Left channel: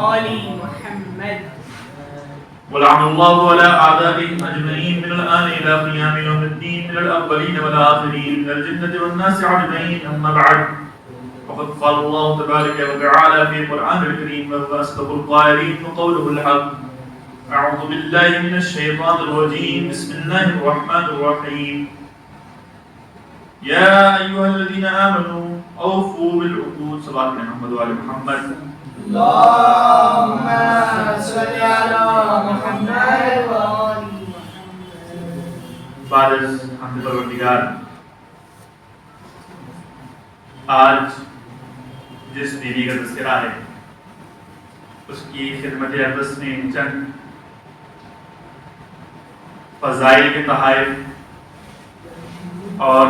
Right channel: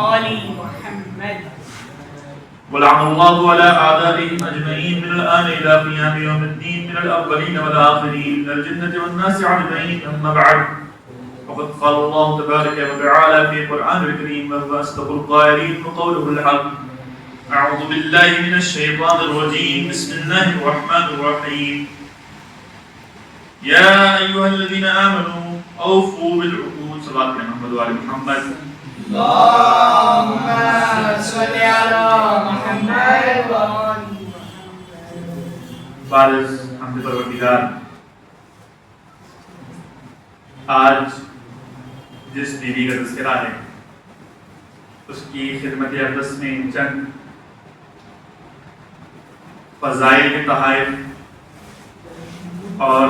آل محمد. ولعن الله على أعدائهم أجمعين من الآن إلى قيام يوم الدين من الأولين والآخرين من الجنة والناس أجمعين. أما بعد وقد قال الله تبارك وتعالى في القرآن الكريم وهو أصدق القائلين وقوله الحق. أعوذ بالله من الشيطان الرجيم. بسم الله الرحمن الرحيم. يا أيها الذين آمنوا أوفوا بالعقود. صلى الله عليه محمد وعلى محمد. اللهم صل على محمد وآل محمد. بارز حمد پروردگار، آج جس بیوی کا تذکرہ ہے اس کی خدمت اقدس میں چند فضائل کے تحائف اور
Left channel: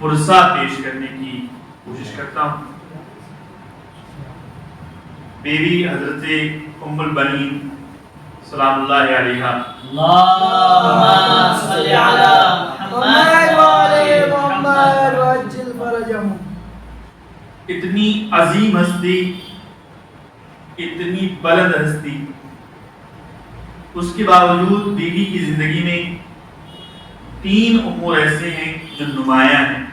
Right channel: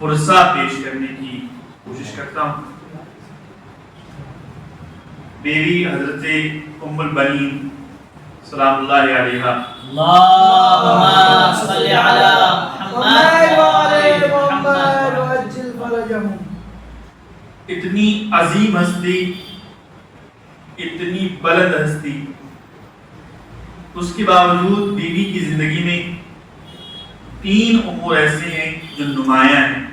پرسہ پیش کرنے کی کوشش کرتا ہوں. بیوی حضرت ام البنین سلام اللہ علیہا، اللهم صل على محمد وآل محمد وعجل فرجهم. اتنی عظیم ہستی، اتنی بلند ہستی، اس کے باوجود بیوی کی زندگی میں تین امور ایسے ہیں جو نمایاں ہیں.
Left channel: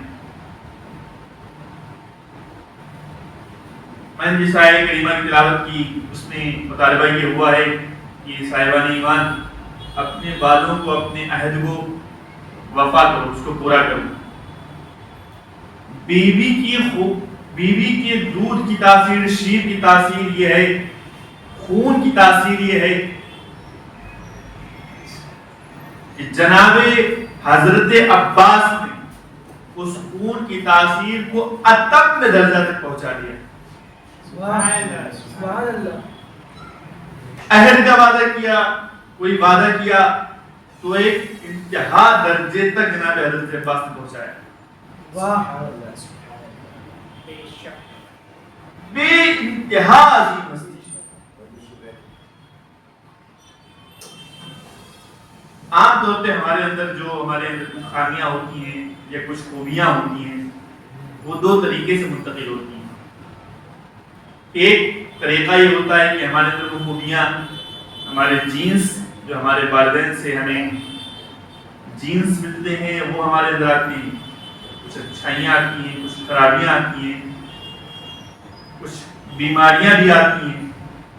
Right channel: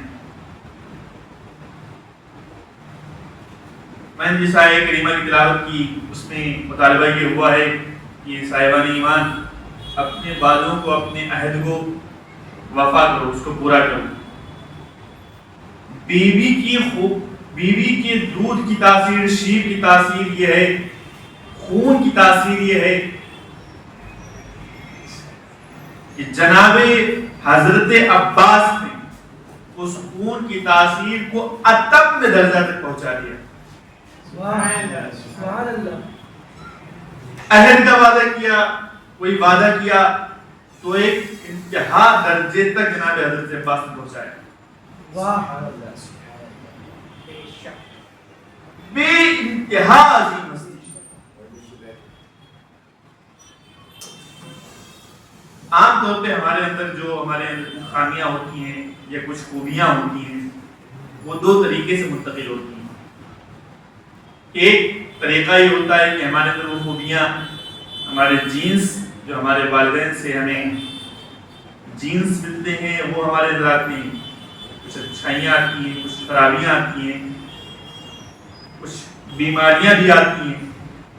میں نے جس آیہ کریمہ کی تلاوت کی اس میں مطالبہ یہ ہوا ہے کہ صاحبان ایمان اپنے وعدوں کو، اپنے عہد کو وفا کرو، اس کو پورا کرو. بیوی کے دودھ کی تاثیر، شیر کی تاثیر یہ ہے، خون کی تاثیر یہ ہے کہ جناب حضرت عباس نے اس خون کی تاثیر کو اتم درجہ تک پہنچا دیا. سبحان اللہ. عہد کا وعدہ کیا، کوئی وعدہ کیا تو ایک انتہا درجے تک جناب حضرت عباس نے پہنچایا. بے انتہا عظیم ہستی. عام طور پہ ہمارے اندر جو ہمارے خامیاں ہوتی ہیں یا کچھ خوبیاں ہوتی ہیں وہ دو طریقے سے منتقل ہوتی ہیں. ایک طریقہ یہ ہوتا ہے کہ ہمارے اندر وہ خوبیاں، ہمارے جینز جو ہمارے والدین سے ہمیں جینز ملتے ہیں وہ ہمارے اندر آتی ہیں. کچھ اچھائیاں آتی ہیں، کچھ خرابیاں آتی ہیں، کچھ بیماریاں بھی آتی ہیں.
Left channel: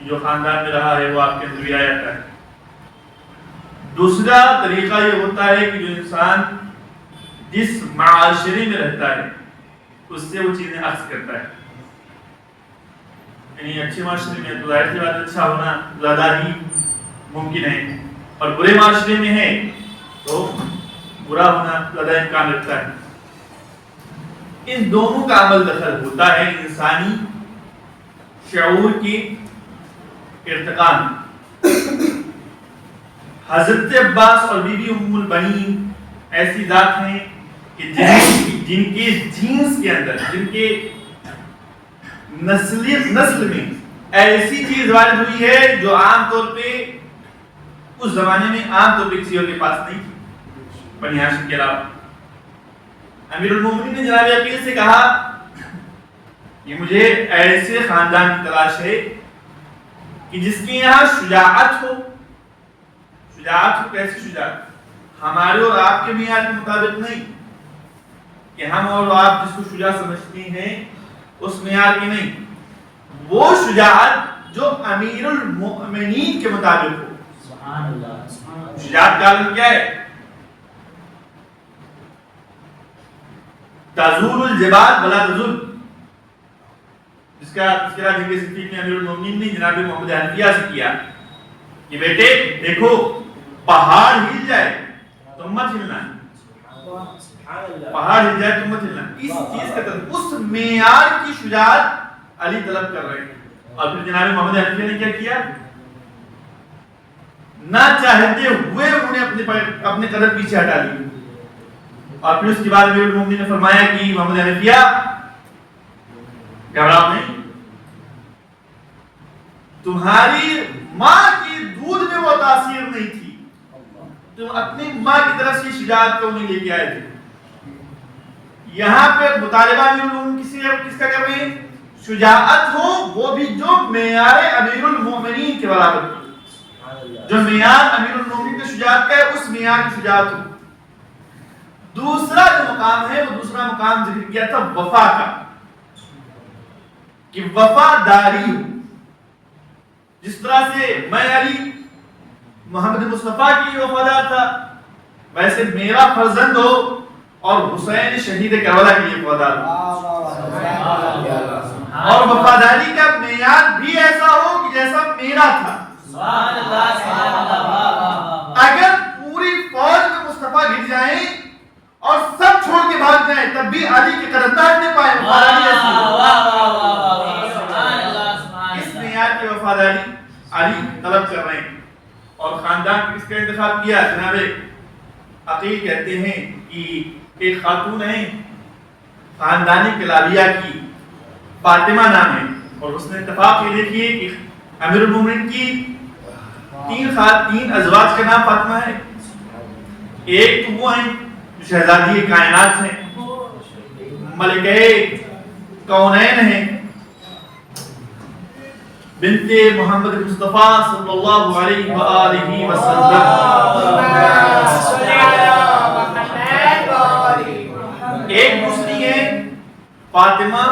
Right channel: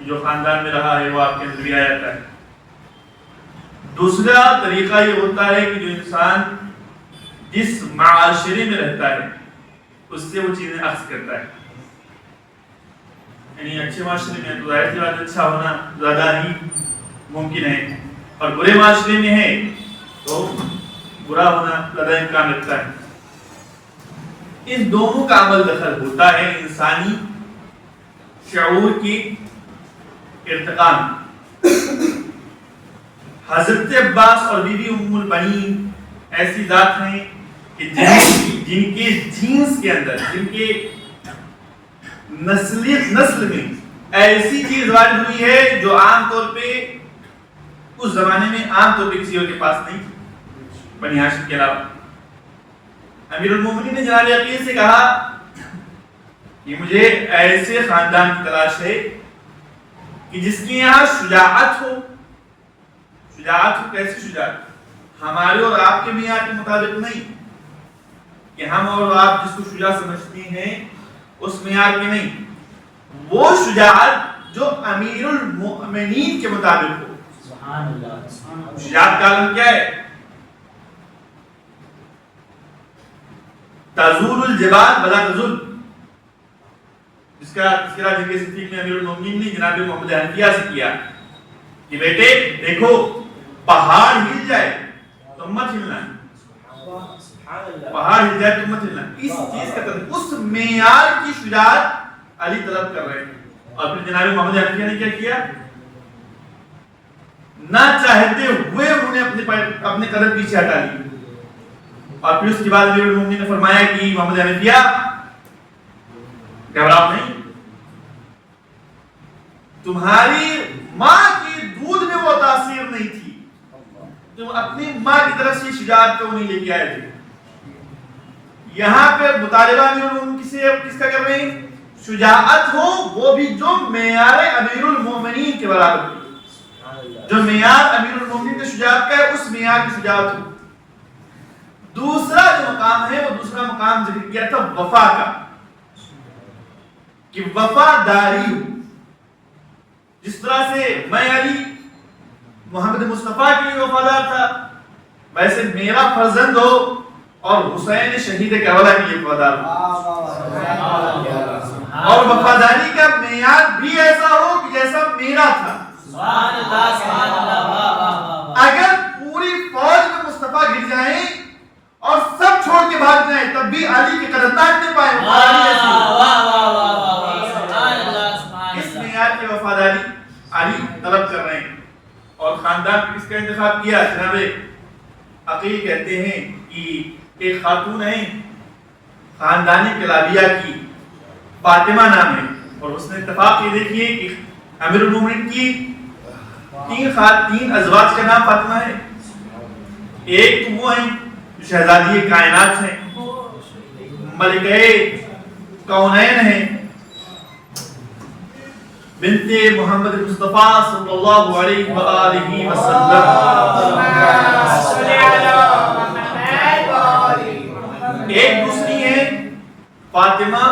جو خاندان میں رہا ہے وہ آپ کے اندر بھی آ جاتا ہے. دوسرا طریقہ یہ ہوتا ہے کہ جو انسان جس معاشرے میں رہتا ہے اس سے وہ چیزیں اخذ کرتا ہے. یعنی اچھے معاشرے میں تو ظاہر سی بات اچھا ہونا زیادہ ہی ممکن ہے، اور برے معاشرے میں ہے تو برا ہونا زیادہ امکان رکھتا ہے. ان دونوں کا عمل دخل ہوتا ہے انسانی شعور کی ارتقاء میں. حضرت عباس اور بی بی ام البنین ایسی ذات ہیں کہ جن کے جینز کے اندر، جن کے نسل میں ایسی چیز وارد ہوئی ہے جو عام طور پہ اس زمانے میں عام طور پہ کسی اور کے پاس نہیں تھی بنی ہاشم کے علاوہ. امیر المومنین نے جناب یقین سے کہا کہ مجھے ایسے خاندان کی تلاش ہے کہ جس کے یہاں شجاعت ہو. شجاعت ہو، کیسی شجاعت؟ ہمارے اور آپ کے معیار کے مطابق نہیں کہ ہم اور آپ جس کو شجاع سمجھتے ہیں اس معیار کی نہیں. وہ شجاعت جو امیر المؤمنین کے مطابق ہو. سبحان اللہ. شجاعت کا عالم کیا ہے؟ تزول الجبال ولا تزول، جس کا تذکرہ جنگ صفین میں امیر المؤمنین نے جناب محمد حنفیہ سے کیا کہ بیٹے دیکھو پہاڑ ہل جائے تو مت ہلنا ہے. پہاڑ ہل جائے تو مت ہلنا. اس چیز کا طلب، اس معیار کی شجاعت علی طلب کر رہے ہیں. اور پھر جناب محمد حنفیہ نے کیا کیا؟ نہ چاہتے ہوئے انہوں نے اپنے قدم پیچھے ہٹا لی. اور پھر اس کے بعد امیر المومنین نے فرمایا کہ محمد حنفیہ گھبراؤ نہیں، تمہاری ماں کی دودھ میں وہ تاثیر نہیں تھی، تم اپنی ماں کی طرف سے شجاعت کو نہیں لے کے آئے تھے. یہاں پہ مطالبہ بھی کس کا کر رہے ہیں؟ شجاعت ہو وہ بھی جو معیار امیر المومنین کے برابر تھی، جو معیار امیر المومنین کی شجاعت کا ہے اس معیار کی شجاعت ہو۔ دوسرا جو مقام ہے وہ دوسرا مقام ذکر کیا تھا وفا کا، کہ وفاداری ہو۔ جس طرح سے میں علی محمد مصطفیٰ کے لیے وفادار تھا، ویسے میرا فرزند ہو اور حسین شہید کربلا کے لیے وفادار ہو، اور وفاداری کا معیار بھی ایسا ہو کہ جیسا میرا تھا۔ اگر پوری فوج میں مصطفیٰ گر جائیں اور سب چھوڑ کے بھاگ جائیں تب بھی علی کے قدم نہ ہٹنے پائے، اس معیار کی وفاداری علی طلب کر رہے ہیں۔ اور خاندان کس کا انتخاب کیا؟ جناب عقیل کہتے ہیں کہ ایک خاتون ہیں خاندان کلابیہ کی، فاطمہ نام ہے، اور اس نے اتفاق یہ دیکھیے کہ امیر المومنین کی تین ازواج کا نام فاطمہ ہے۔ ایک تو وہ ہیں شہزادی کائنات ہیں، ملکہ کونین ہیں، بنت محمد مصطفیٰ صلی اللہ علیہ وآلہ وسلم۔ ایک دوسری ہے فاطمہ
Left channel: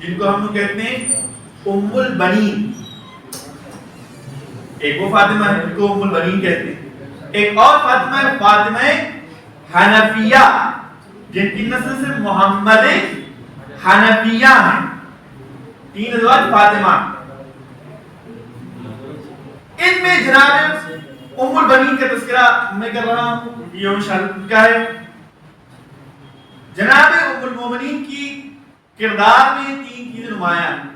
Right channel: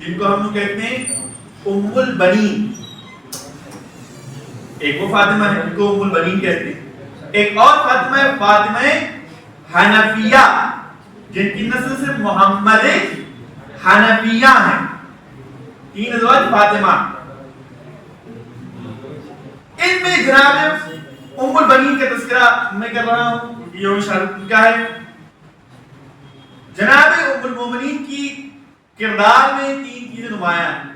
جن کو ہم کہتے ہیں ام البنین، ایک وہ فاطمہ ہے جن کو ام البنین کہتے ہیں۔ ایک اور فاطمہ ہے فاطمہ حنفیہ جن کی نسل سے محمد حنفیہ ہیں۔ تین ازواج فاطمہ، ان میں جناب ام البنین کا تذکرہ میں کر رہا ہوں، یہ یوم شہادت کا ہے۔ جناب ام المومنین کی کردار میں تین چیزیں نمایاں ہیں۔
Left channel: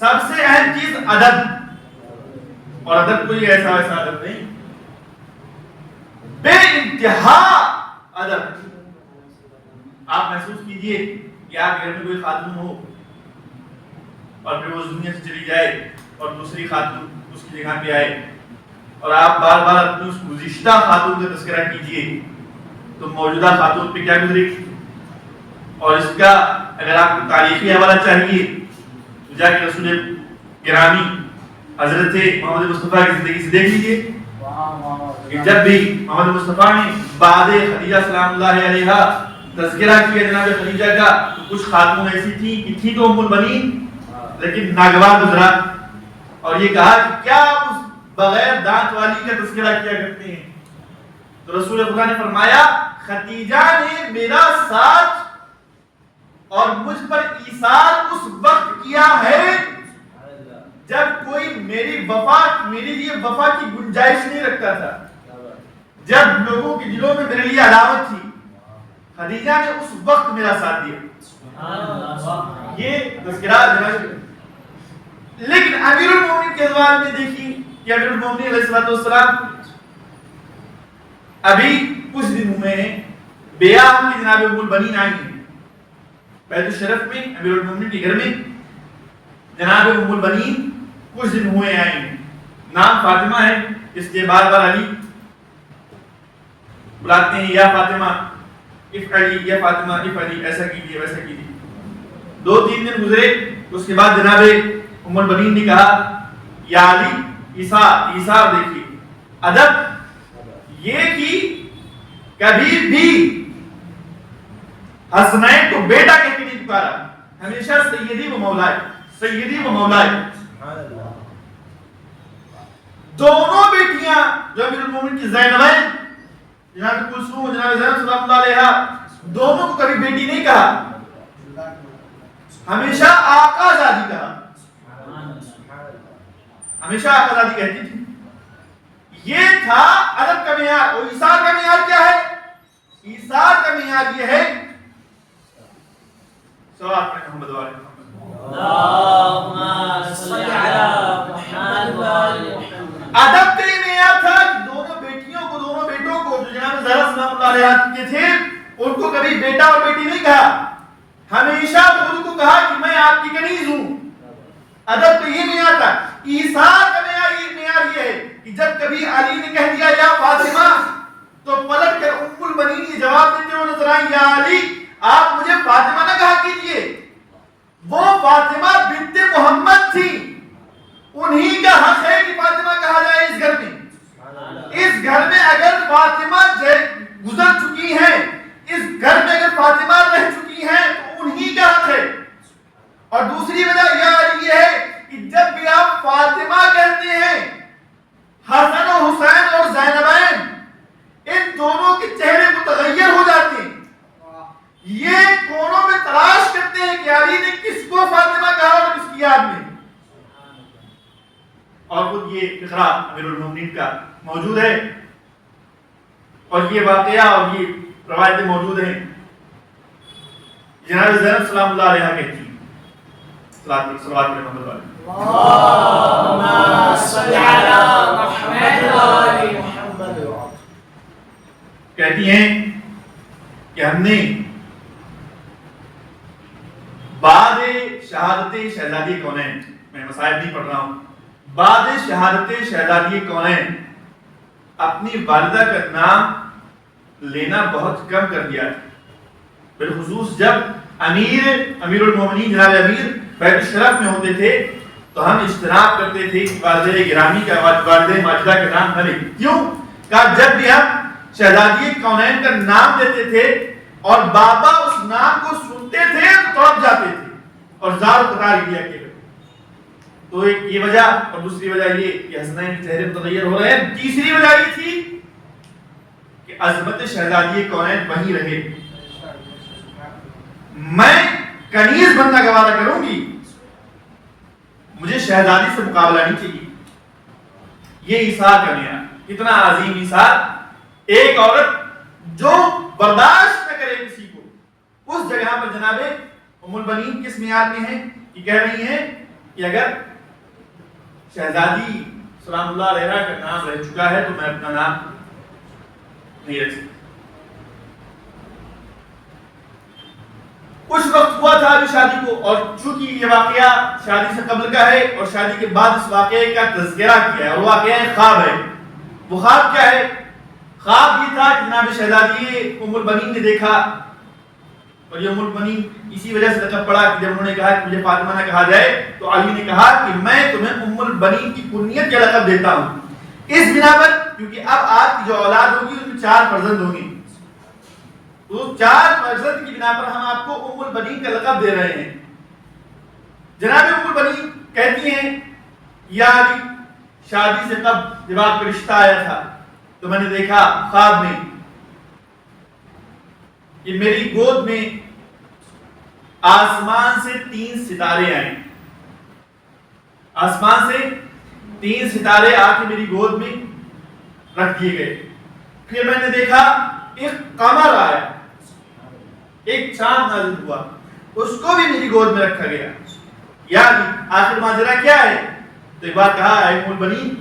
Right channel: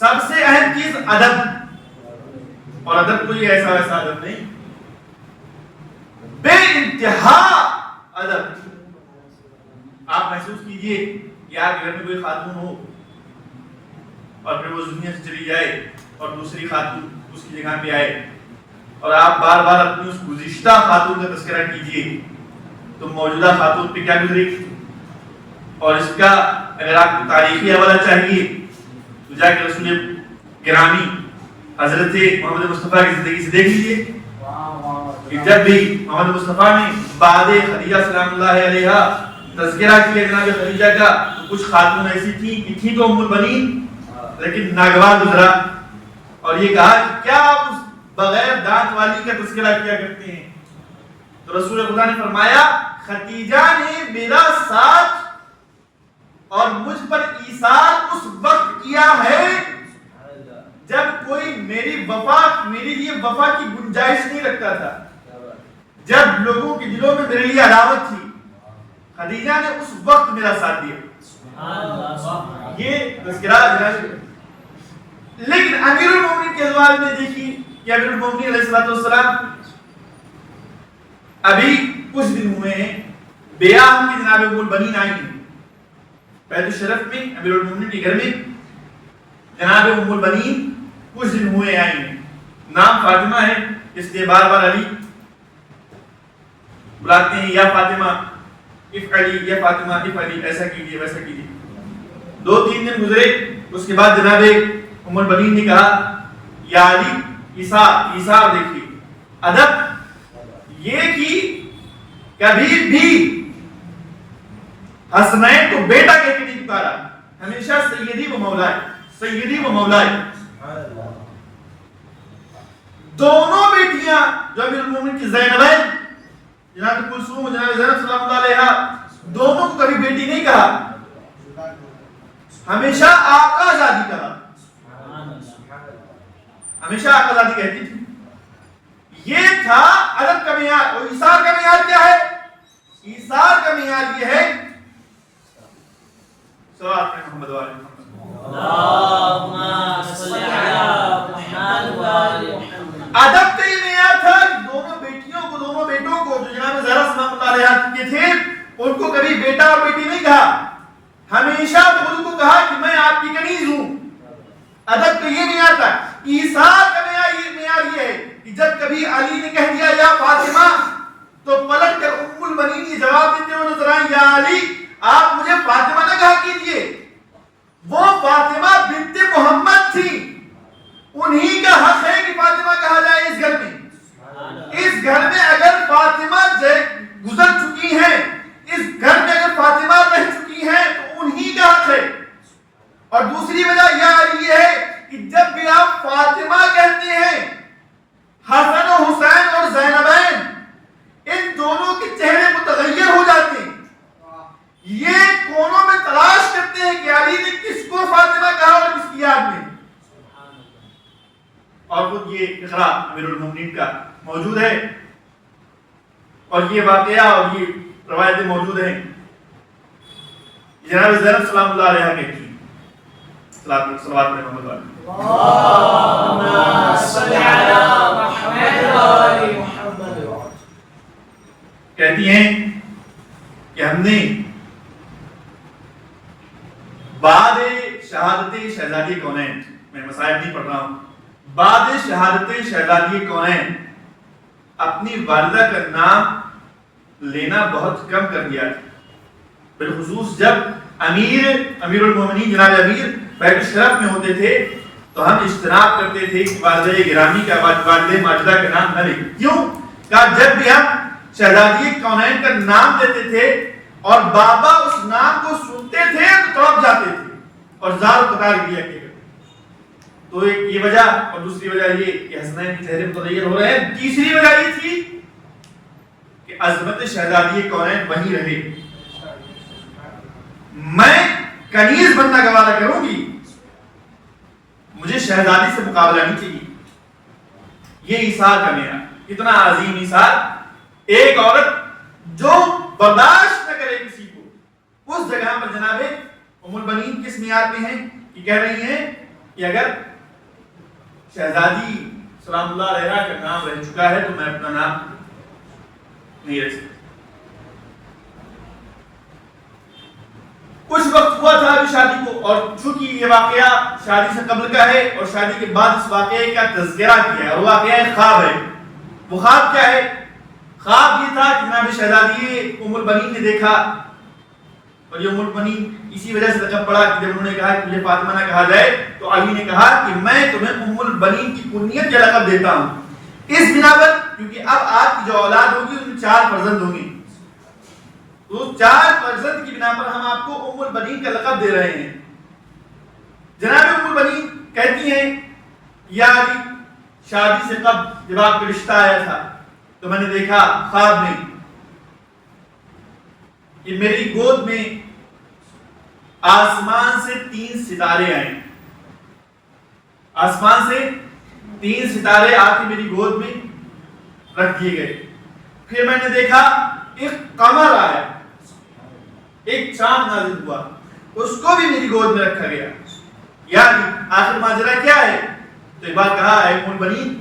سب سے اہم چیز ادب، اور ادب کوئی ایسا ویسا ادب نہیں، بے انتہا ادب۔ آپ محسوس کیجئے کہ آپ گھر میں کوئی خاتون ہو اور پھر وہ دنیا سے چلی جائے اور دوسری خاتون اس کی جگہ پہ آئے، اور آپ بار بار اپنی اس گزشتہ خاتون کا تذکرہ کیجئے تو موجودہ خاتون پہ کیا گزرے گی؟ اور اس کا اگر آپ کو تاریخی حوالہ چاہیے تو جا کے رسول گرامی حضرت محمد مصطفیٰ کی زندگی سے دیکھ لیجئے کہ جب بھی محمد مصطفیٰ نے بعد خدیجہ سلام اللہ علیہا تذکرہ کیا جناب خدیجہ کا، کچھ خاتون ایسی تھی تو ام البنین، لیکن ناگوار گزرا، اور یہ کہا کہ کیا آپ اس بغیر دانت والی کا تذکرہ کیا کرتے ہیں؟ تو رسول خدا نے فرمایا خدیجہ نے میرا ساتھ اور مجھ پر ایثار اس وقت کیا ہے جب کوئی میری لیے وفا کی گنجائش نہیں رکھتا تھا، جب لوگوں کے دلوں میں میرے لیے عداوت تھی، خدیجہ نے اس وقت میرا ساتھ دیا۔ یہ تذکرہ۔ لیکن امیر المومنین کے زمانے میں دیکھیے کہ امیر المومنین علیہ السلام ابھی کچھ دن ہوئے ہیں، بیعہ ہوں کہ جناب ام البنین آئی ہیں بیت الشرف میں، امیر المومنین کے گھر میں جناب ام البنین کچھ دن ہوئے آئی ہیں۔ نام فاطمہ ہے، اس لیے بار بار علی بلاتے ہیں، یا فاطمہ افعلی، یا فاطمہ افعلی، ایسا کیجیے ویسا کیجیے۔ 2-3 دن گزرے، اس کے بعد جناب ام البنین نے کہا یا علی ایثار دیکھیے، ادب یہ کہ کبھی بھی حسنین کو بیٹا کہہ کے نہیں پکارا، ہمیشہ سیدی و مولائے، سیدی و مولائے۔ دونوں بیٹیاں جو امیر المومنین کی زینبین جناب کلثوم و جناب زینب سلام اللہ علیہا، دونوں کو کبھی بیٹی نہیں کہا، ہمیشہ آقا زادی کہا، ہمیشہ آقا زادی کہتی تھی۔ یہ تھا ادب کا معیار۔ اور ایثار کا معیار کیا ہے؟ ایثار کا معیار یہ ہے صلوات محمد و آل محمد، اللہم صل علی محمد و آل محمد۔ ادب کا یہ معیار تھا کہ دونوں بیٹیوں کو، دونوں بیٹوں کو جو جناب زہرا سلام اللہ علیہا کے تھے، ان کو کبھی بیٹا اور بیٹی نہیں کہا، ہمیشہ ان کو کہا کہ میں آپ کی کنیز ہوں۔ ادب کا یہ معیار تھا۔ ایثار کا معیار یہ ہے کہ جب کبھی علی نے کہہ دیا یا فاطمہ تو پلٹ کر ام البنین یہ جواب دیتے ہوئے نظر آئیں، یا علی آپ مجھے فاطمہ نہ کہا کیجئے، وہ فاطمہ بنت عظمت تھی انہی کا حق ہے کہ فاطمہ کہا جائے اس گھر میں. اس گھر میں اگر فاطمہ گزر چکی ہیں, اس گھر میں اگر فاطمہ رہ چکی ہیں تو انہی کا حق ہے. اور دوسری وجہ یہ ہے کہ جب بھی آپ فاطمہ کہتے ہیں, حسن و حسین اور زینبین ان دونوں کے چہرے متغیر ہو جاتے ہیں. یہ کونوں میں تلاش کرتے ہیں کہ علی نے کس کو فاطمہ کہا اور کس کی یاد میں. اور خود یہ اقرا امیر المومنین کا موجود ہے اور یہ واقعہ اور یہ روایتیں موجود ہیں. جناب زینب سلام اللہ علیہا کہتی ہیں, صلوات محمد اللہم صلی علی محمد وآل محمد, کہتی ہیں کہ ہم نے بعد شہادت شہزادی کونین, میں مصائب نہیں پڑھ رہا ہوں, بعد شہادت شہزادی کونین اپنی والدہ کا نام لینا بہت کم کر دیا. بالخصوص جب امیر المومنین جناب امیر بیت الشرف میں ہوتے تھے تو ہم اجتناب کرتے تھے کہ والدہ گرامی کا, والدہ ماجدہ کا نام نہ لیں. کیوں؟ کہ جب بھی ہم شہزادی کونین کا نام لیتے تھے اور بابا اس نام کو سنتے تھے تو تڑپ جاتے تھے اور زار قطار لیا کرتے. تو ایک یہ وجہ, اور دوسری وجہ یہ کہ حسنین کے چہرے متغیر ہو رہے ہیں. تیسری وجہ یہ تھی کہ عظمت شہزادی کونین وہیں رہے. میں کنیز بننا گوارا کروں گی, مجھے شہزادی سے مقابلہ نہیں چاہیے. یہ ایثار کا میرا اتنا عظیم ایثار, ایک عورت جو برداشت نہ کرے کسی کو, اس جگہ پر جناب ام البنین کس معیار میں ہیں کہ کہہ رہی ہیں کہ اگر شہزادی سلام اللہ علیہا کا نام رہ چکا ہے تو میں اپنا نام نہیں رکھ سکتی. کچھ وقت ہوا تھا ابھی شادی کو, اور چونکہ یہ واقعہ شادی سے قبل کا ہے اور شادی کے بعد اس واقعے کا تذکرہ کیا ہے, اور واقعہ خواب ہے. وہ خواب کیا ہے؟ خواب یہ تھا کہ جناب شہزادی ام البنین نے دیکھا, اور یہ ام البنین اسی وجہ سے لقب پڑا کہ جب انہوں نے کہا کہ مجھے فاطمہ نہ کہا جائے تو علی نے کہا کہ میں تمہیں ام البنین کی کنیت کا لقب دیتا ہوں. اس بنا پر کیونکہ اب آپ کی جو اولاد ہوگی اس میں 4 فرزند ہوں گے, تو 4 فرزند کی بنا پر ہم آپ کو ام البنین کا لقب دے رہے ہیں. جناب ام البنین کہتی ہیں یا علی, شادی سے قبل جب آپ کا رشتہ آیا تھا تو میں نے دیکھا خواب میں کہ میری گود میں آسمان سے 3 ستارے آئے. آسمان سے 3 ستارے آ کے میری گود میں رکھ دیے گئے. پھر میں نے دیکھا ایک قمر آیا, ایک چاند نازل ہوا, اس کو بھی میری گود میں رکھا گیا. یعنی آخر ماجرا کیا ہے؟ تو ایک بار کہا اے ام البنین,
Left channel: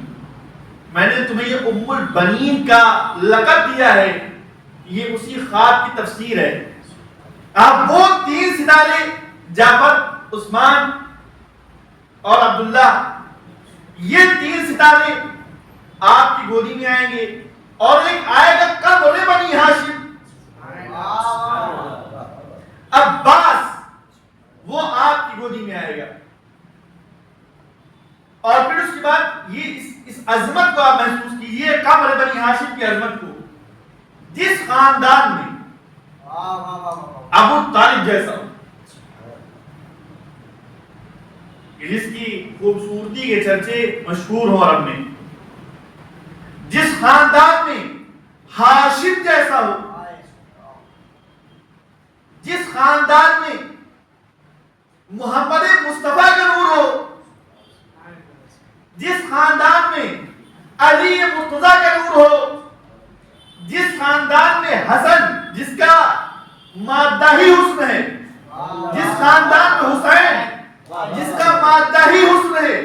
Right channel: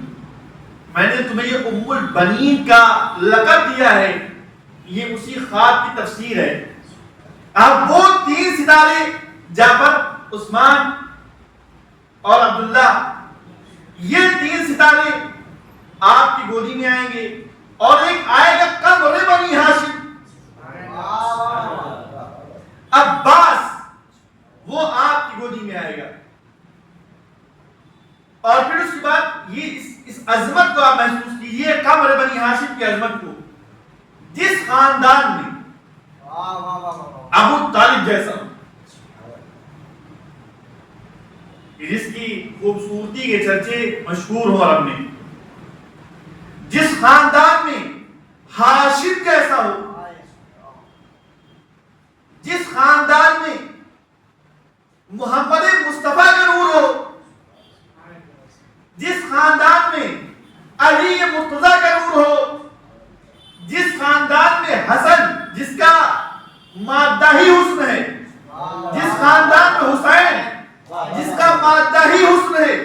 میں نے تمہیں یہ ام البنین کا لقب دیا ہے, یہ اسی خواب کی تفسیر ہے. اب وہ 3 ستارے جعفر, عثمان اور عبداللہ, یہ 3 ستارے آپ کی گودی میں آئیں گے, اور ایک آئے گا قمر بنی ہاشم, عباس, وہ آپ کی گودی میں آئے گا. اور پھر اس کے بعد یہ اس عظمت کو آپ محسوس کیجئے, قمر بنی ہاشم کی عظمت کو, جس خاندان میں ابو طالب جیسا, جس کی خوبصورتی کے چرچے مشہور ہوں عرب میں, جس خاندان میں ہاشم جیسا ہو, جس خاندان میں محمد مصطفیٰ کا نور ہو, جس خاندان میں علی مرتضیٰ کا نور ہو, جس خاندان میں حسن جس کا مادہ ہی حسن ہے, جس خاندان میں حسین جس کا مادہ ہی حسن ہے,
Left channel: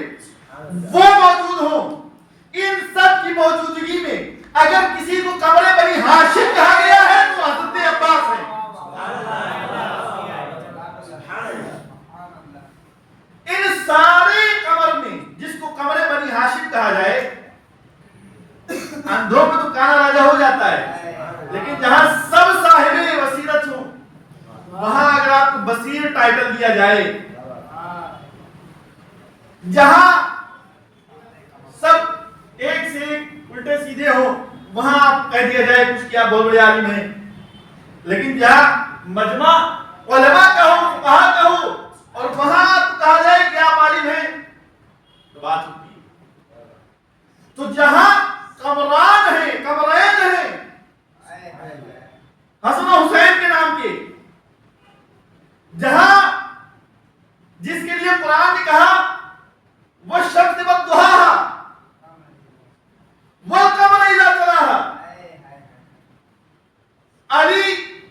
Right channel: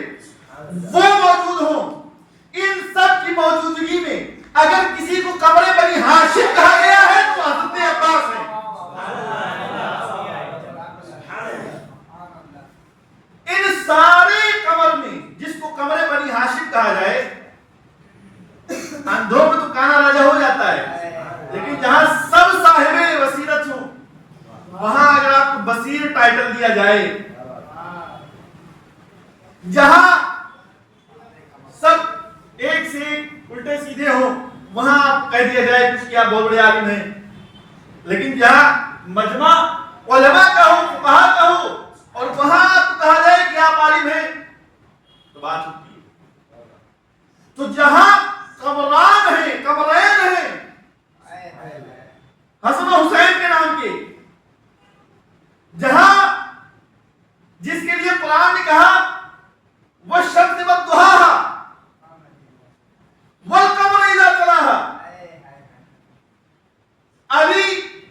وہ موجود ہوں. ان سب کی موجودگی میں اگر کسی کو قمر بنی ہاشم کہا گیا ہے تو حضرت عباس ہے. ان سارے قمر میں جس کو قمر بنی ہاشم کہا جائے, اندھوں میں تو کانا راجہ ہو جاتا ہے, لیکن جہاں سب صاحب بصیرت ہوں وہاں اگر آپ کو بصیر ٹائٹل دیا جائے, جہاں سب ایک سے ایک الٹے سیدھے ہو وہاں آپ کہہ دیا جائے کچھ کیا بہت بڑے عالم ہیں، لیکن جہاں مجمع علماء کا ہو، فقہاء کا ہو، اور وہاں آپ کہا جائے کہ آپ عالم ہیں تو بات ہوتی ہے۔ تو جہاں قمران ہیں، قمرین ہیں حسن و حسین کے نام کے، جہاں جس کے لیے قرآن نے کہا والشمس والضحاہا والقمر اذا تلاہا، علی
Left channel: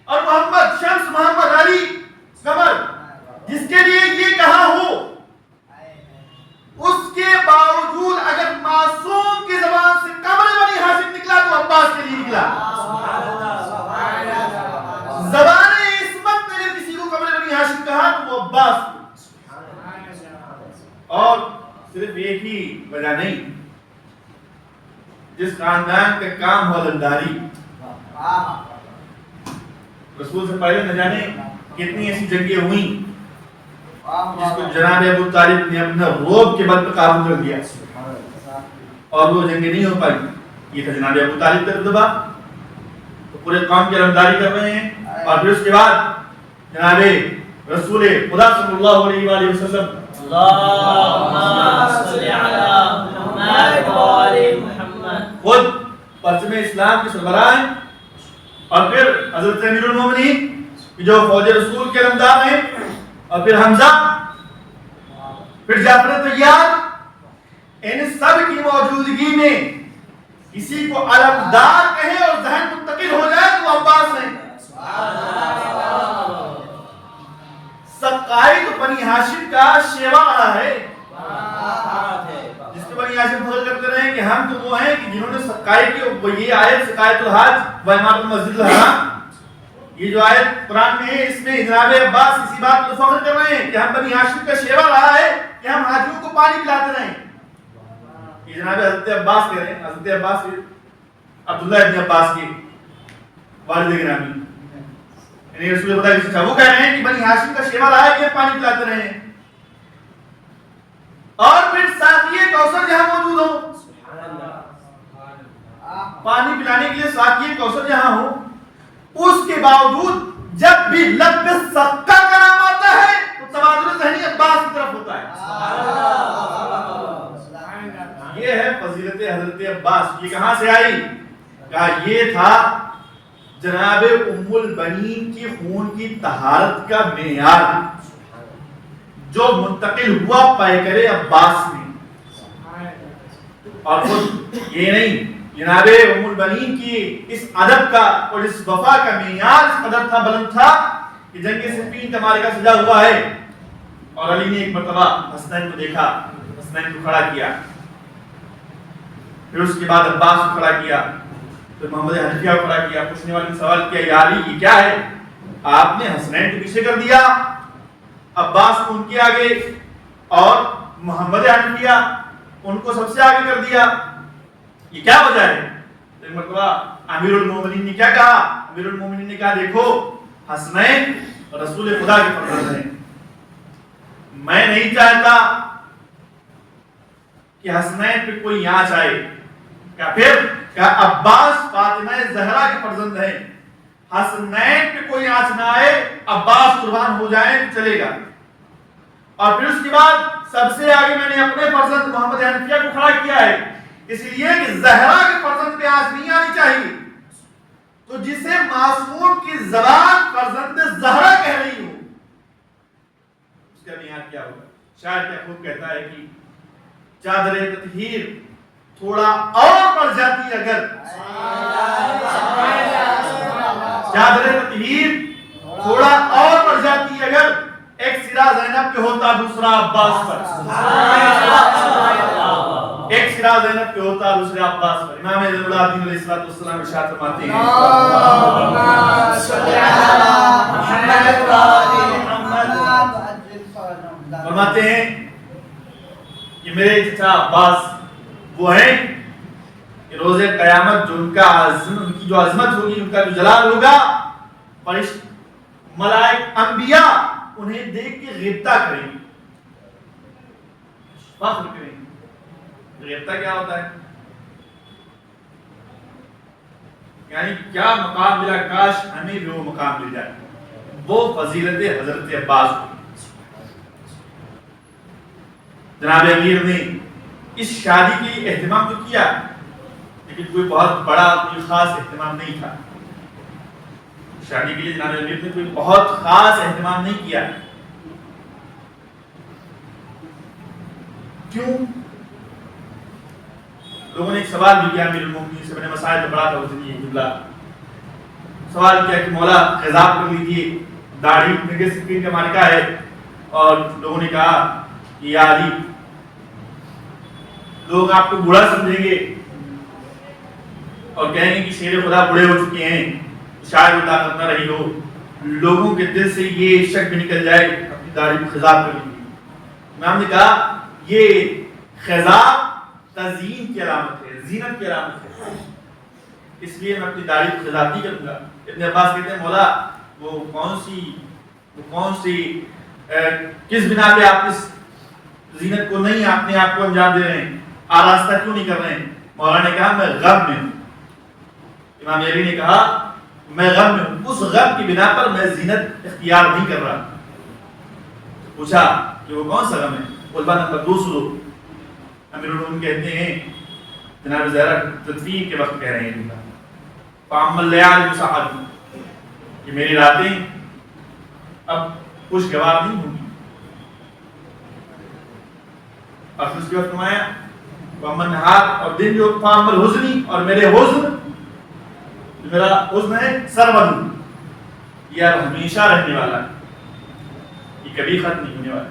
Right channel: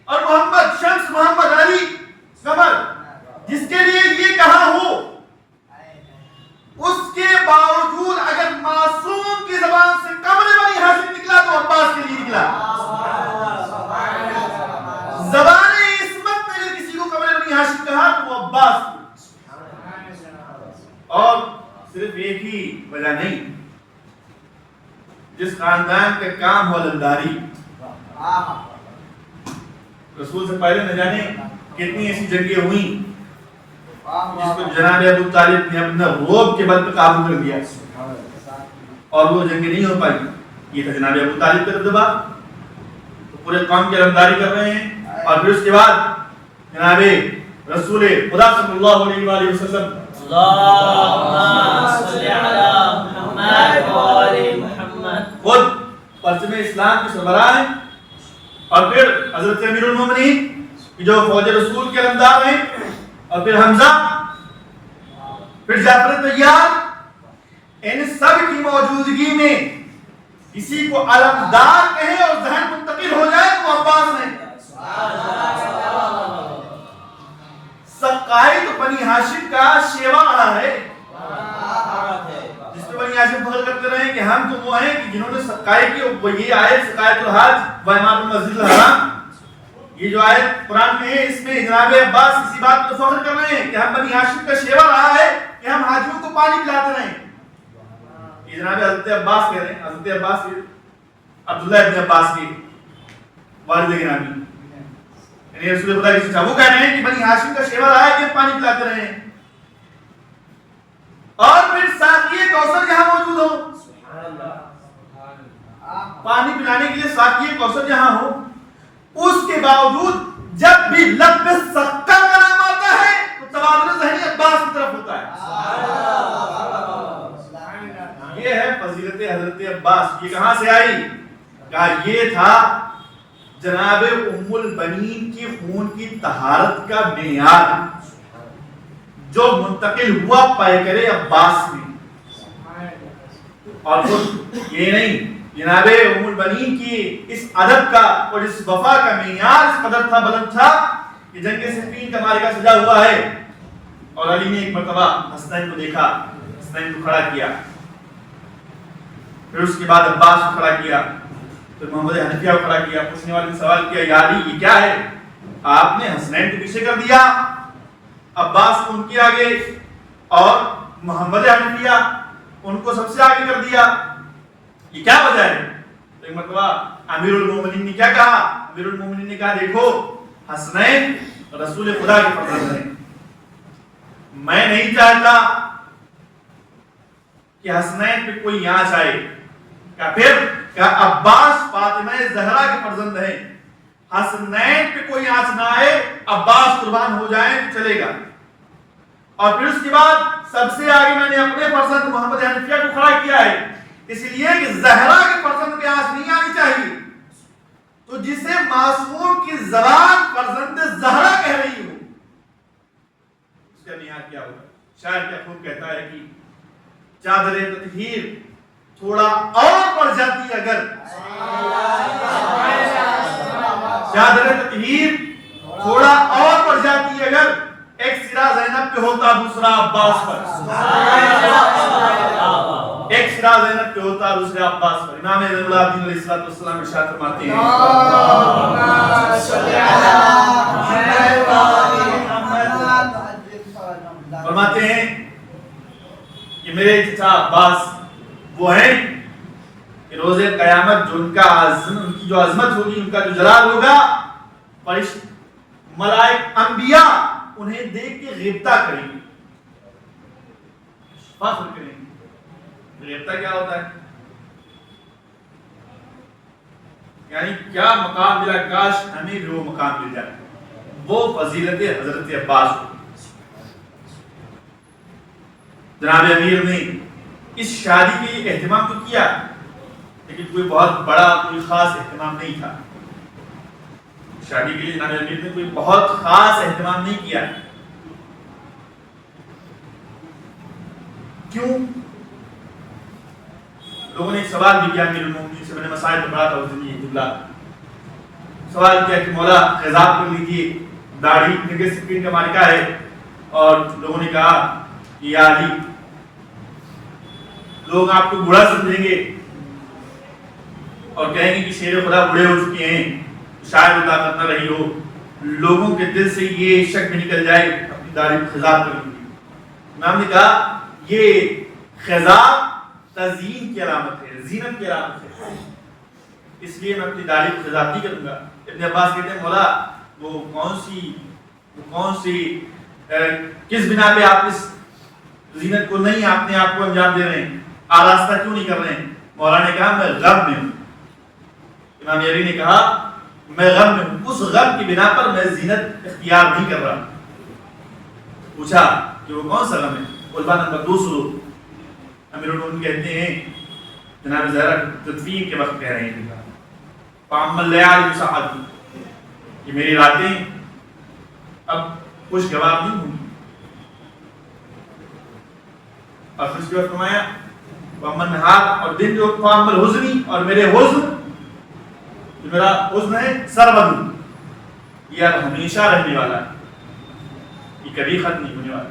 اور محمد، شمس محمد علی قمر، جس کے لیے یہ کہا ہو، اس کے باوجود اگر معصوم کی زبان سے قمر بنی ہاشم نکلا تو عباس کے لیے نکلا۔ زبان عصمت میں نے کسی کو قمر بنی ہاشم کہا تو وہ عباس کو، اور صرف ایک ہی وجہ نہیں، جس خاندان کا کام ہو علمداری، رسول سے پہلے نہ جانے کتنی ایسی جنگیں ہوئیں جس کو جناب ابو طالب نے اپنا روب کے بل پہ قابو کر دیا اور وہ جنگیں نہیں ہو پائی۔ یہ تھا جناب ابو طالب کا دبا، وہ پورے قوم کی علمداری کر رہے ہیں، اور پھر اس کے بعد جناب رسول خدا صلی اللہ علیہ وآلہ وسلم خود پرچم اسلام کے سربراہ ہیں، اور پھر حضرت امیر المومنین جو فوج رسول کے علمدار ہیں، اور پھر حمزہ، پھر جعفر طیار، ان سب کی موجودگی میں کسی کو علمدار کہیں اور ذہن منتقل ہو جائے تو عباس ہیں۔ سقائد بنی ہاشم کا شیوا رہا ہے، جس پہ بنی ہاشم فخر کرتے رہے کہ ہم تو وہ ہیں کہ جنہوں نے سقائد کی، وہ یہ آیت سقائد الحج و امارۃ المسجد الحرام، یہ جو آیت قرآن میں ہے، اس میں جناب عباس اسی بات پر فخر کر رہے ہیں کہ ہم بنی ہاشم کا شیوا رہا ہے کہ ہم حاجیوں کو پانی پلاتے رہے۔ یہ جناب حضرت عباس کہہ رہے ہیں، حضرت عباس عبداللہ ابن عباس کے والد گرامی، یعنی رسول خدا کی وہ کہہ رہے ہیں کہ بنی ہاشم کا شیوا رہا ہے کہ ہم پانی پلاتے رہے ہیں۔ اور پھر ساقی کوثر جہاں موجود ہو، پانی پلانے کے لیے ساقی کوثر جہاں ہو، اس کے باوجود جب بھی لب سقا کا نام آتا ہے تو تبادل ذہنی عباس کی طرف ہوتا ہے۔ یہ ہے فضیلت حضرت عباس۔ یہ کہاں سے آئی؟ کہا یہ تھا جناب ام البنین کی خون کی طہارت کا معیار جو منتقل ہوا پیکر عباس میں، اور یہ نہیں، جناب ام البنین کی اس ادب کا اور اس وفا کا معیار اس قدر تھا، بلند تھا کہ جنگ صفین کا معرکہ سجا ہوا ہے، اور علی نے ایک مرتبہ حسنین کو دیکھا، حسنین کو کھڑا کیا، پھر اس کے بعد عباس کو کھڑا کیا، پھر محمد حنفیہ کو کھڑا کیا۔ پوچھنے والے نے سوال کیا، یا علی یہ کیا ہے؟ آپ نے حسنین کو پیچھے کر دیا، عباس کو ان کے آگے، اور محمد حنفیہ ان کو سب سے آگے کر دیا، یہ کیا وجہ ہے؟ تو ایک مرتبہ امیر المومنین نے کیا کہا؟ امیر المومنین نے کہا دیکھو حسنین رسول خدا کے فرزند ہیں، میں نہیں چاہتا کہ حسنین پہ کوئی آنچ آئے۔ کہا پھر کہا عباس فاطمہ زہرا کے فرزند ہیں، حسنین پہ کوئی آنچ نہ آئے، عباس قربان ہو جائیں تو چلے گا۔ اور پھر اس کے بعد سب سے آگے میں نے اپنے فرزند محمد حنفیہ کو کھڑا کیا ہے، اس لیے کہ زہرا کے فرزند پہ آنچ نہیں آنی چاہیے۔ تو جسے معصوم کی زبان فرزند زہرا کہہ رہی ہو، اس کا معیار کیا ہوگا؟ شاعر کیا خوب کہتا ہے کہ چادر تطہیر تھوڑا اور بڑھ جاتی اگر، چادر تطہیر تھوڑا اور بڑھ جاتی اگر، ایک سرا زینب پہ ہوتا دوسرا عباس پر، ایک سرا زینب پہ ہوتا دوسرا عباس پر۔ امام زین العابدین علیہ السلام ارشاد فرماتے ہیں فرماتے ہیں کہ میرے چچا عباس وہ ہیں کہ روز قیامت جو ان کی جو عظمت ہوگی، ان کا جو جلال ہوگا، ملائک انبیاء انہیں دیکھ کے غبطہ کریں گے، فخر کریں گے. غبطہ کیا ہوتا ہے؟ یعنی کیا مقام ملا، کاش ہمیں بھی وہ مقام مل جائے. وہ فضیلت حضرت عباس کو جناب امیر نے اس شادی کے اہتمام تو کیا، لیکن کوئی بہت بڑا کوئی خاص اہتمام نہیں تھا. شادی کے لیے جناب امیر نے کوئی بہت خاص اہتمام نہیں کیا. کیوں؟ لوگوں نے ایک سوال بھی کیا امیر المومنین سے، میں نے مسائل میں پڑھا تھا اس دن یہ جملہ سوال کیا کہ مولا خضاب کر لیجیے، داڑھی نگہ سکرین کا مالکہ ہے. اور لوگوں نے کہا کہ یا علی لوگ آپ کو بوڑھا سمجھیں گے اور کہیں گے کہ شیر خدا بوڑھے ہو چکے ہیں، شاید وہ طاقت نہ رہی ہو. لوگوں کے دل سے یہ شک بھی نکل جائے اپنی داڑھی خضاب کر لیجیے. امام نے کہا یہ خضاب تزیین کی علامت ہے، زینت کی علامت ہے، اس لیے میں اپنی داڑھی خضاب نہیں کروں گا. ابن عباس کہتے ہیں مولا وہ کون سی کس بنا پہ آپ اس زینت کو نہیں اپنے آپ کو انجام دے رہے ہیں، آراستہ کیوں نہیں کر رہے ہیں؟ مولا نے کہا میں غم میں ہوں. امام یری نے کہا میں غم میں ہوں، اس غم کی بنا پر میں زینت اختیار نہیں کر رہا. پوچھا کہ وہ کون سا غم ہے؟ قلبہ نمبر 200. امیر المومنین کہتے ہیں جناب زہرا تدفین کے وقت کہہ رہے ہیں فَأَمَّا اللَّيَالِ بِسَعَدِي، کہ میری راتیں اب خوشگوار نہیں ہوں گی. اور پھر اس کے وقت فرمایا وَأَمَّا النَّهَارِ، اور دن جو فَأَمَّا الْحُزْنِ، اور میرے حزن جو میرا حزن ہے سرمد، یہ اب ہمیشہ رہنے والا ہے، یہ کبھی ختم نہیں ہونے والا.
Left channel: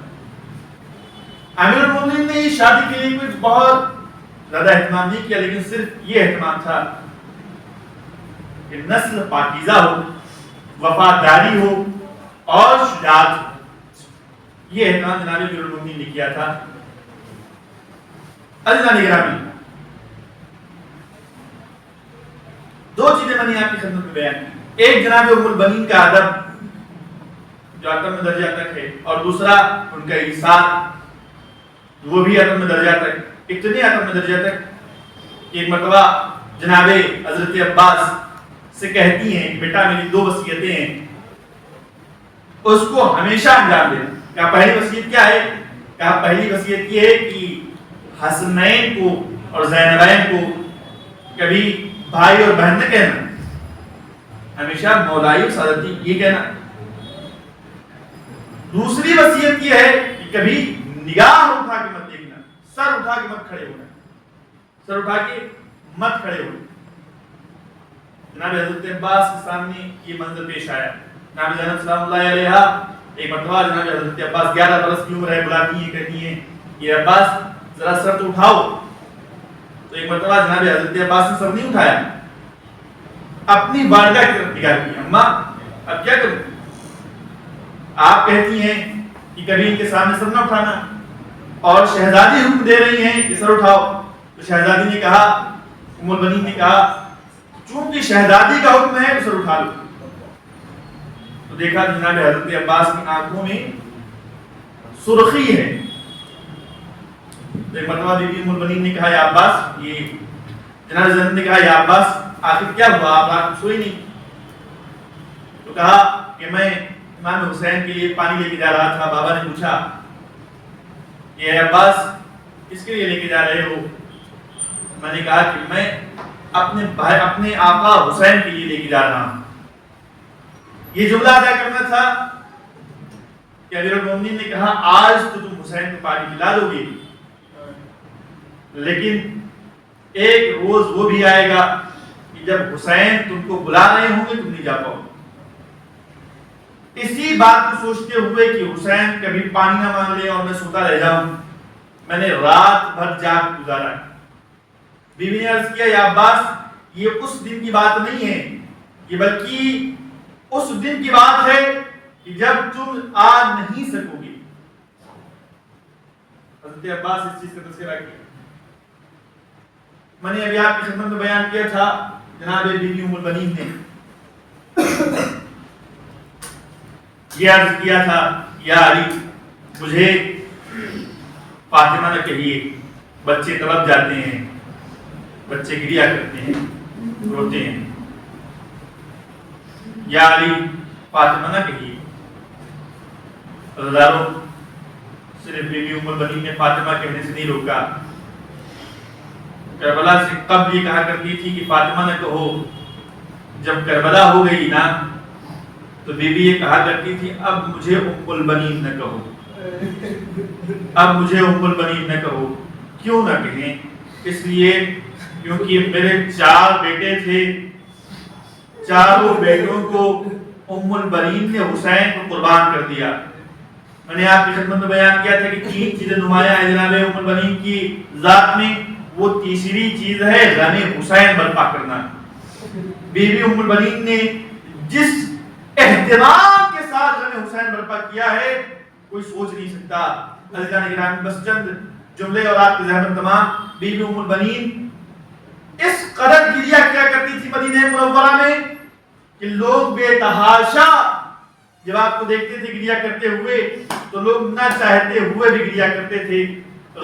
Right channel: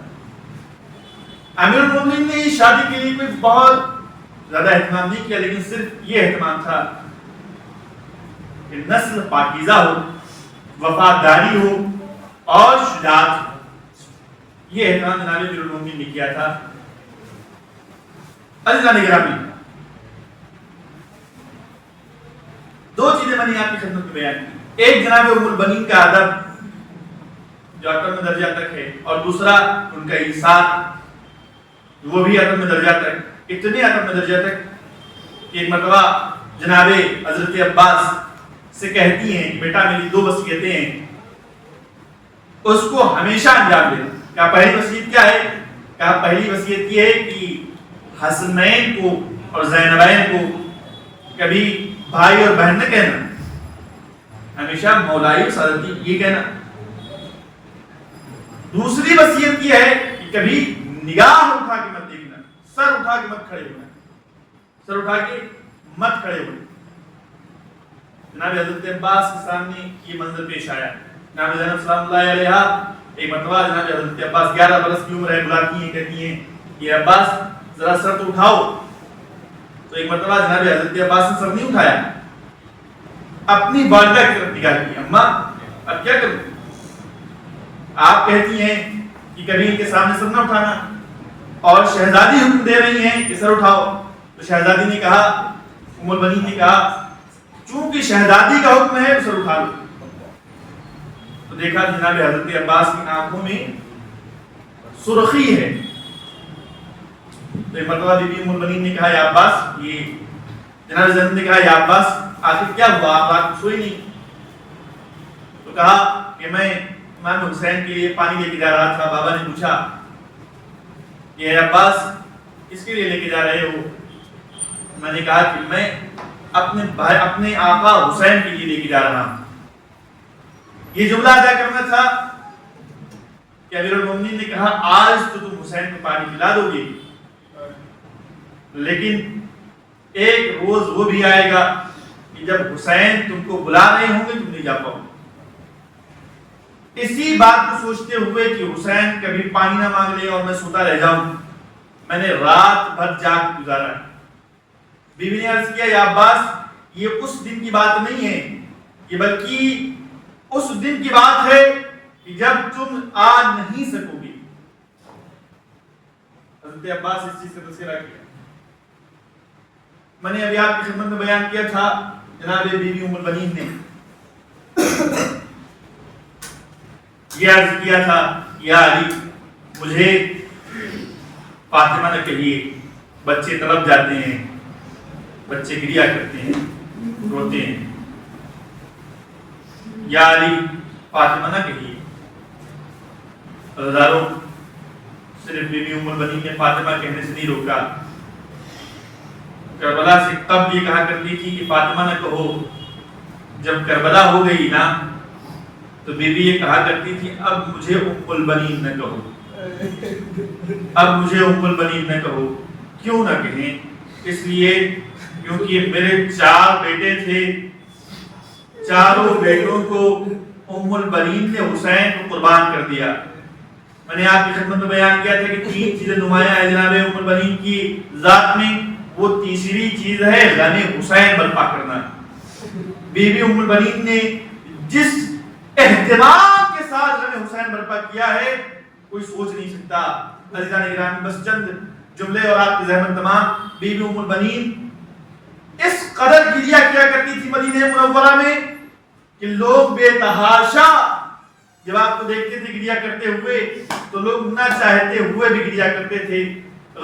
امیر المومنین نے شادی کے لیے کوئی بہت زیادہ اہتمام نہیں کیا، لیکن صرف یہ اہتمام تھا کہ نسل پاکیزہ ہو، وفاداری ہو اور شجاعت ہو. یہ اہتمام جناب امیر المومنین نے کیا تھا. عزیزان گرامی، دو چیزیں میں نے آپ کی خدمت میں بیان کی. ایک جناب ام البنین کا ادب جو اتم درجہ تک ہے، اور دوسرا ان کا ایثار وہ بھی اتم درجہ تک. اتنے اتم درجہ تک کہ ایک مرتبہ جناب حضرت عباس سے کہتی ہیں کہ بیٹا میری 2 وصیتیں ہیں، اس کو ہمیشہ انجام دے. کیا پہلی وصیت کیا ہے؟ کیا پہلی وصیت یہ ہے کہ حسنین کو اور زینبین کو کبھی بھائی اور بہن نہ کہنا، ہمیشہ مولائی سادتی یہ کہنا. دوسری وصیت یہ ہے کہ کبھی نگاہ اٹھا کے مت دیکھنا، سر اٹھا کے مت کھڑے ہونا، سر اٹھا کے مت کھڑے ہونا. جناب حضرت عباس کے سامنے یہ منظر پیش آیا. جناب زینب سلام اللہ علیہا ایک مرتبہ جناب حضرت عباس 11 برس کی عمر ہے، بلاتی ہیں، کہتی ہیں کہ عباس ذرا سر تو اٹھاؤ. تو ایک مرتبہ جناب حضرت عباس نے سر نہیں اٹھایا، اپنی والدہ کی طرف نگاہ کی. اماں اب کیا کروں؟ آپ کہتی ہیں کہ کبھی ان کے سامنے سر نہ اٹھانا، اور شہزادی حکم دے رہی ہیں کہ سر اٹھاؤ. تو شہزادی نے کہا، ام البنین نے کہا چونکہ شہزادی کا حکم ہے تو سر اٹھا لو. تو دیکھا جناب حضرت عباس کی آنکھوں میں سرخی ہے. تو ایک مرتبہ بی بی ام البنین نے کہا یا عباس، یہ جناب زینب نے کہا یا عباس آخر کیا ہوا، آپ رات کو سوئی نہیں؟ تو کہا کہ میں امام حسین کے لیے پانی لے کے جا رہا تھا. بابا نے پوچھا کہ اے عباس کس کے لیے لے کے جا رہے ہو؟ میں نے کہا کہ میں اپنے آقا حسین کے لیے لے کے جا رہا ہوں. یہ جملہ ادا کرنا تھا کہ امیر المومنین نے کہا آج تو تم حسین کو پانی پلا دو گے، لیکن ایک روز وہ بھی آئے گا کہ جب حسین تم کو بلا رہے ہوں گے تم نہیں جا پاؤ. اسی بات کو سوچتے ہوئے کہ حسین کبھی پانی نہ مانگ لے اور میں سوتا رہ جاؤں، میں نے رات بھر جاگ گزارا. بیوی نے عرض کیا یا عباس یہ اس دن کی بات نہیں ہے، یہ بلکہ اس دن کی بات ہے کہ جب تم آ نہیں سکو گے. حضرت عباس اس چیز کا تذکرہ کیا. میں نے ابھی آپ کی خدمت میں بیان کیا تھا جناب بی بی ام البنین نے یہ عرض کیا تھا یا علی مجھے فاطمہ نہ کہیے، بچے تڑپ جاتے ہیں، بچے گریا کرتے ہیں، روتے ہیں، یا علی فاطمہ نہ کہیے۔ عزیزانو، صرف بی بی ام البنین نے فاطمہ کہنے سے نہیں روکا، کربلا سے تب یہ کہا کرتی تھی کہ فاطمہ نہ کہو، جب کربلا ہو گئی نا تو بی بی یہ کہا کرتی تھی اب مجھے ام البنین نہ کہو، اب مجھے ام البنین نہ کہو۔ کیوں نہ کہیں؟ اس لیے کیونکہ میرے 4 بیٹے تھے، چاروں بیٹوں کو ام البنین نے حسین کو قربان کر دیا۔ میں نے آپ کی خدمت میں بیان کیا تھا کہ 3 چیزیں نمایاں ہیں جناب ام البنین کی ذات میں، وہ تیسری چیز ہے غم حسین برپا کرنا۔ بی بی ام البنین نے جس اہتمام کے ساتھ غم حسین برپا کیا ہے کوئی سوچ نہیں سکتا۔ عزیزان گرامی، بس چند جملے اور آپ کی ذہن تمام۔ بی بی ام البنین اس قدر گریا کیا کرتی تھی مدینہ منورہ میں کہ لوگ بے تحاشا جب آپ کو دیکھتے تھے گریا کرتے ہوئے تو لوگ نہ چاہتے ہوئے بھی گریا کرتے تھے،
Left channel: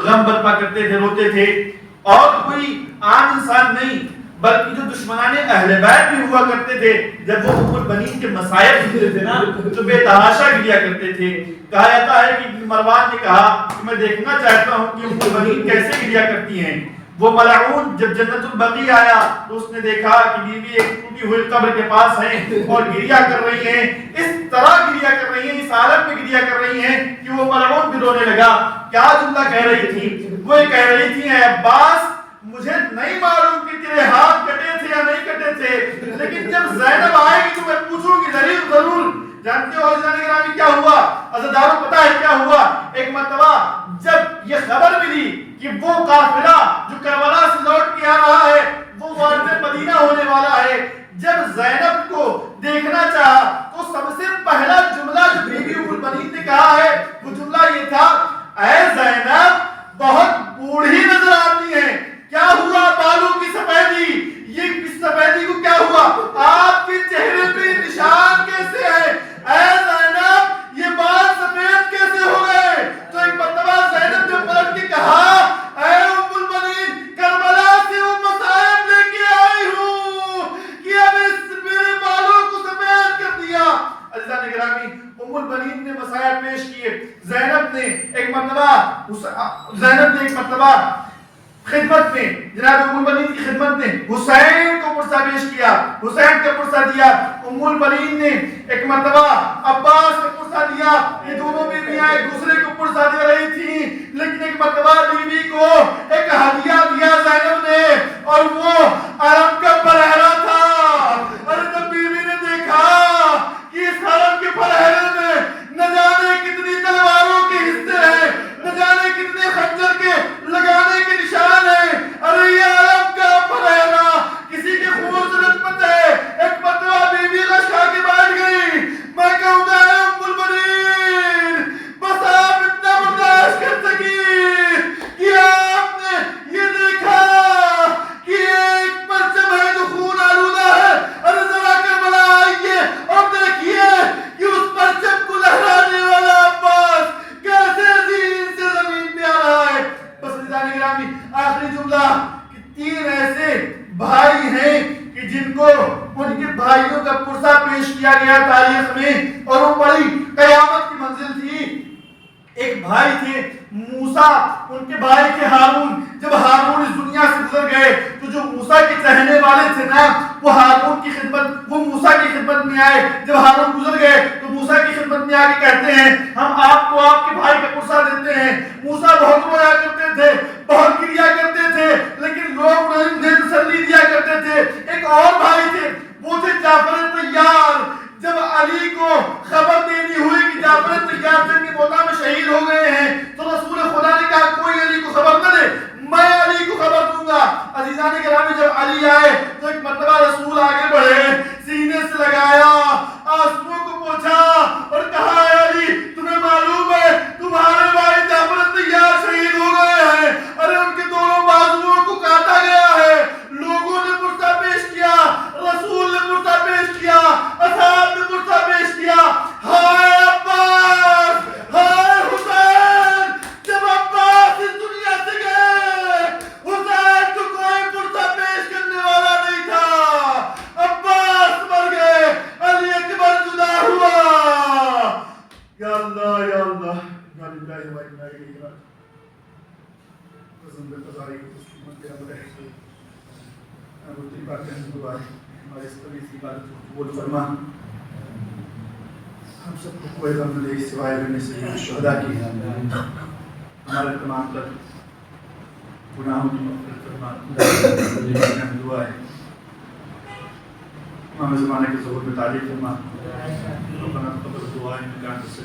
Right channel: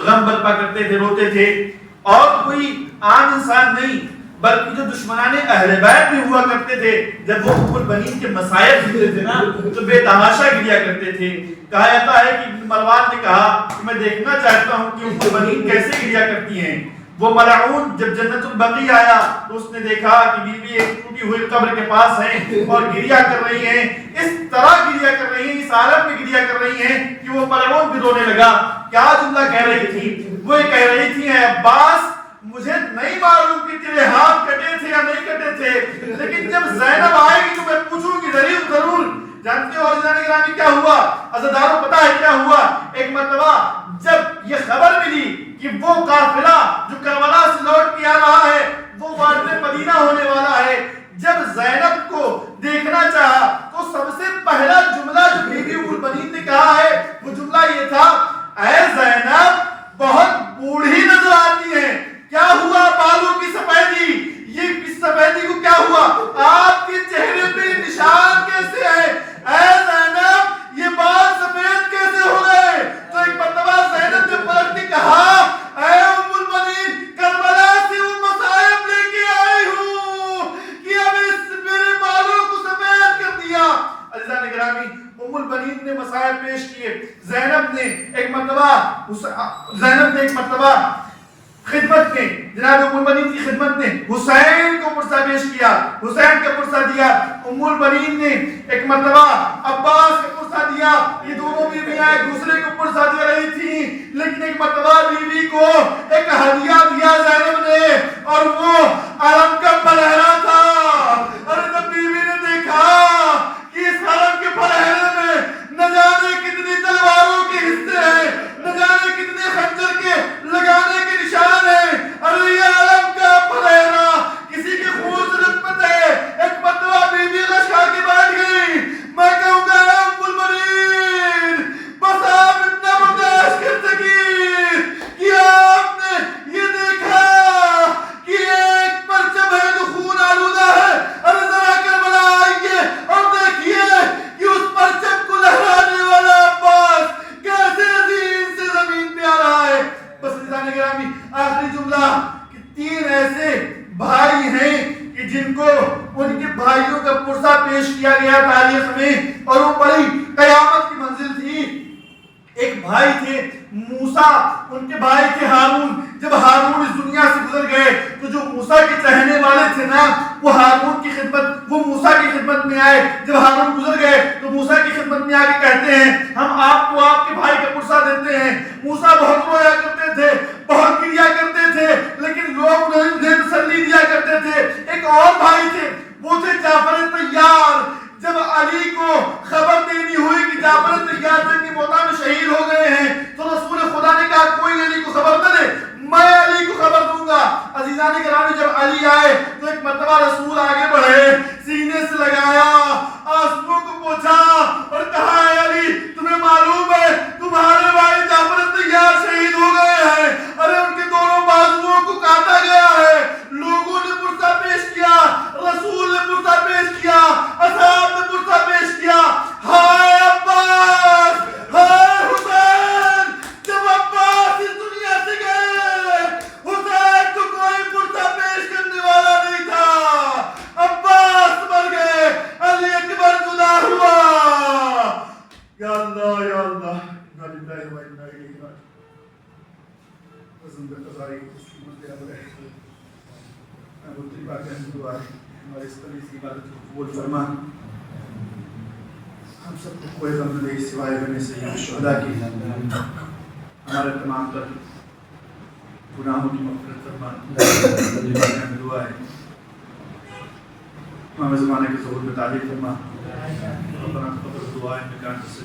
غم برپا کرتے تھے، روتے تھے۔ اور کوئی عام انسان نہیں بلکہ جو دشمنان اہل بیت بھی ہوا کرتے تھے، جب وہ ام البنین کے مصائب سنتے تھے نا تو بے تحاشا گریا کرتے تھے۔ کہا جاتا ہے کہ ابن مروان نے کہا کہ میں دیکھنا چاہتا ہوں کہ ام البنین کیسے گریا کرتی ہیں۔ وہ ملعون جب جنت البقیع آیا تو اس نے دیکھا کہ بیوی ایک ٹوٹی ہوئی قبر کے پاس ہیں اور گریا کر رہی ہیں، اس طرح گریا کر رہی ہیں، اس حالت میں گریا کر رہی ہیں کہ وہ ملعون بھی رونے لگا۔ کیا جملہ کہہ رہی تھی؟ وہ یہ کہہ رہی تھی اے عباس مجھے نہیں معلوم کہ تیرے ہاتھ کٹے تھے یا نہیں کٹے تھے، لیکن جب زینب آئے گی تو میں پوچھوں گی ضرور۔ جانتے ہو عزیزان گرامی کیا ہوا؟ عزیزانو پتہ ہے کیا ہوا؟ ایک مرتبہ جب یہ خبر ملی کہ وہ قافلہ جو کربلا سے لوٹ کے آ رہا ہے وہ وارد مدینہ ہونے والا ہے، جب زینب کو دیکھنا چاہا تو سب سے پہلا جملہ جو بی بی ام البنین نے کہا ہے وہ جملہ یہ تھا اے زینب بہت بوڑھی نظر آتی ہے، کیا ہوا؟ بالوں کی سفیدی، یہ اس سفیدی کو کیا ہوا؟ آپ کے چہرے پہ نشان کیسے ہے؟ اے زینب یہ بال سفید کیسے ہو گئے؟ تو ایک مرتبہ زینب نے پلٹ کے کہا اے ام البنین کربلا سے وہ مصائب لے کے آئی ہوں کہ اب اس میرے بالوں کو سفید کر دیا۔ عزیزان گرامی، ام البنین نے مصائب پیش کیے۔ زینب نے ایک مرتبہ خدمت میں، جناب ام البنین کی خدمت میں حسین کو پرسہ پیش کیا، حسین کا پرسہ دیا۔ ام البنین نے ایک مرتبہ عباس کا پرسہ دیا۔ یہ دونوں بیویاں ایک دوسرے کو پرسہ دے رہی تھیں، لیکن ایک مرتبہ بیوی کو ایک ہدیہ دیا زینب نے اور وہ علم کا پرہرا تھا۔ اور جب بیوی نے دیکھا کہ اس علم کے پرہرے میں نہ جانے کتنی تلواروں کے حصے ہیں، نہ جانے کتنے خنجر کے لگانے کے نشان ہیں، ارے یہ علم کا پرہرا کسی کے خون سے رسمت ہے۔ ایک مرتبہ بیوی غش کھا کے بیٹھ گئی۔ میں کہوں گا ام البنین بس آپ اتنا برداشت کر سکی کہ آپ نے یہ دیکھا کہ ایک پرچم ہے جو خون آلودہ ہے، ارے ذرا کربلا آئیے اور دیکھیے کہ اس پرچم کو لہرانے والا عباس کیسے زمین سے زمین پہ آ رہا ہے۔ بس عزیزان گرامی آخری جملہ کہ 3 ایسے بھائی ہیں کہ جن کو ان کے بھائیوں کا پرسہ پیش کیا گیا تاریخ میں اور وہ بڑی قیامت کی منزل تھی۔ ایک بھائی تھے موسیٰ، ان کے بھائی تھے ہارون۔ جب ہارون اس دنیا سے گزر گئے تو جو موسیٰ کے چہنے والے تھے نا وہ ہارون کی خدمت، وہ موسیٰ کی خدمت میں آئے۔ جب ہارون گزر گئے تو موسیٰ کی خدمت میں آ کے کہتے ہیں ہم آپ کو آپ کے بھائی کا پرسہ دیتے ہیں۔ موسیٰ بہت رویا کرتے تھے، بہت گریا کرتے تھے، لیکن لوگ انہیں تسلی دیا کرتے تھے۔ ایک اور بھائی تھے، وہ تھے جعفر طیار۔ جب علی کو خبر دینی ہوئی کہ جعفر طیار جنگ موتا میں شہید ہو گئے ہیں تو رسول خدا نے کہا کوئی علی کو خبر نہ دے، میں علی کو خبر دوں گا۔ عزیزان گرامی جب علی آئے تو ایک مرتبہ رسول آگے بڑھے، سینے سے لگایا، آنسوؤں کو پوچھا اور کہا اے علی تمہیں معلوم ہے تمہارے بھائی جعفر طیار شہید ہو گئے ہیں، ارے ان کے دونوں بازوؤں کو کاٹا گیا ہے۔ لوگوں نے پرسہ پیش کیا، رسول نے پرسہ پیش کیا، اصحاب نے پرسہ پیش کیا، ہائے عباس، ہائے حسین، اللہ یا اللہ انا للہ و انا الیہ راجعون قسم قضائی مسلمت یا رہے ابو طیبہ کا دعا ہے ہمارے اس طویل کی عبادت کو قبول فرما ہم سب کو کوئی غم نہیں سوائے رہنے سے شہداء کی ہمارے تمام تر گناہوں کی مغفرت فرما طیبہ کا دعا ہے امام زمانے کے ظہور میں تعلیم فرما ربنا تقبل دعائیں بجان سے